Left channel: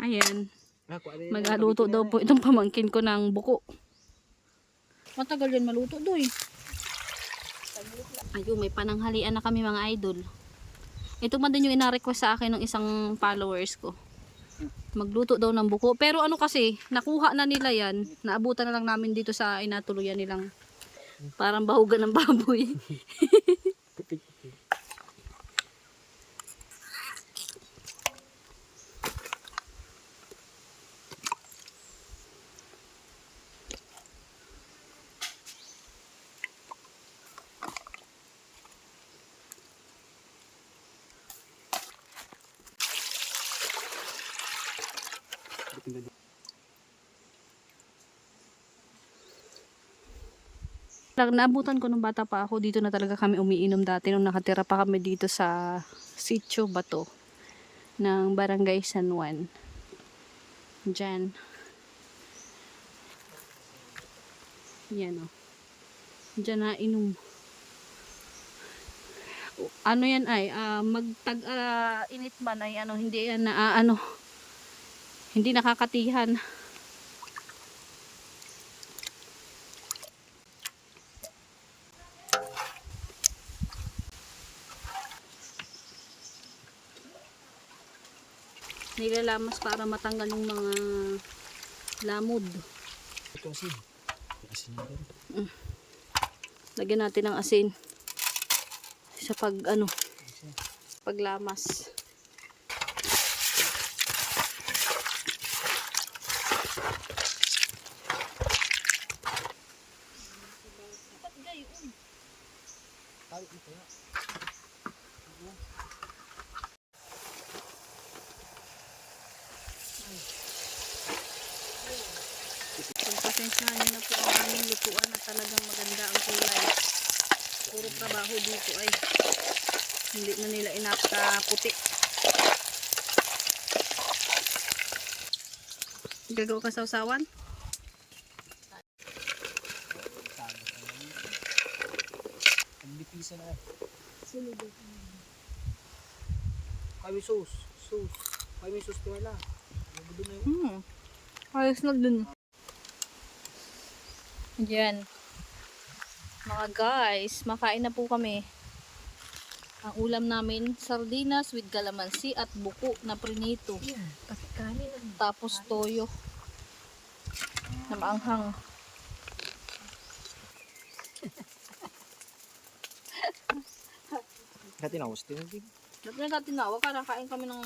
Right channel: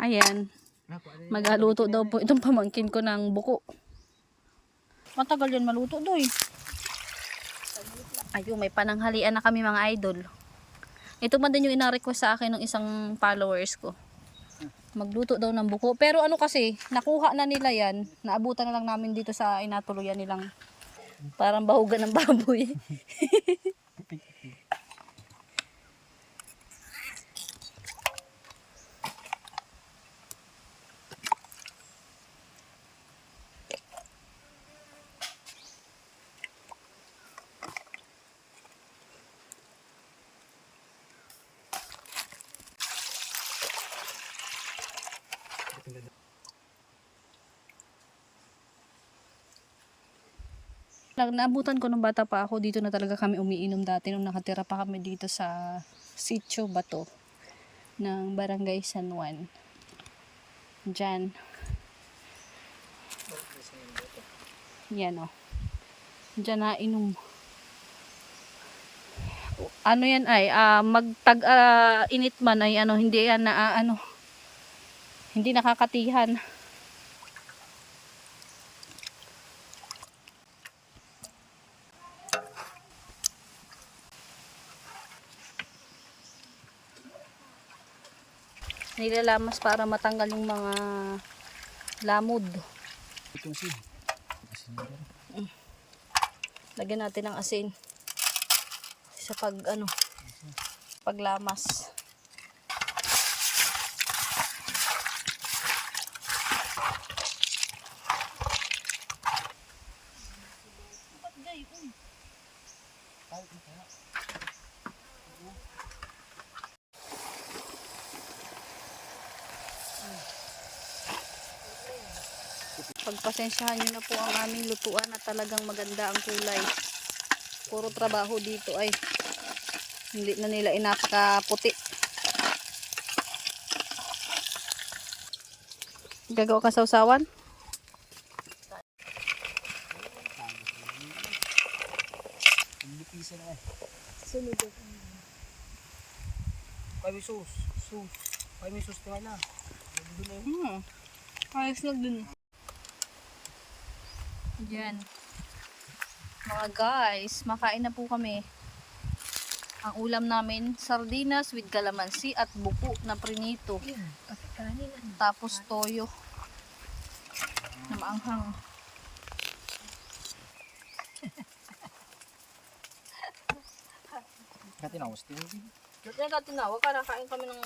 Ayan. Magluto daw po itong pamangkin ko ng buko. Matagal yan maluto doy. Ayun, may pananghalian na kami mga idol. Ito man din yung ina-request sa akin ng isang followers ko. Magluto daw ng buko. Pero ano kasi, nakuha na nila yan. Naabutan na lang namin dito sa inatuluyan nilang parang bahugan ng baboy. Naabutan ko nung bata pa ako, dito na talaga kami umiinom dati nung nakatira pa kami dito sa Sitio Bato ng Barangay San Juan. Diyan. Yan o. Diyan na inom. Ano yan ay, magtag init man ay ano, hindi yan na hindi nakakatihan. Nilalamas para matanggal yung mga lamod. Lagyan natin ng asin sa paglamas. Pagpasensyahan nyo na po ang aming lutuan na talagang maganda ang kulay. Puro trabaho dito ay hindi na nila inakaputi. Gagawa ka sausawan? Sunod ako. Kami sus. Kami sus wala. Ayos lang dun. Yan. Mga guys, makain na po kami. Ang ulam namin, sardinas with calamansi at buko na prinito. Tapos toyo na maanghang. Dati na was tingin. Dati na tinawag, kain kami ng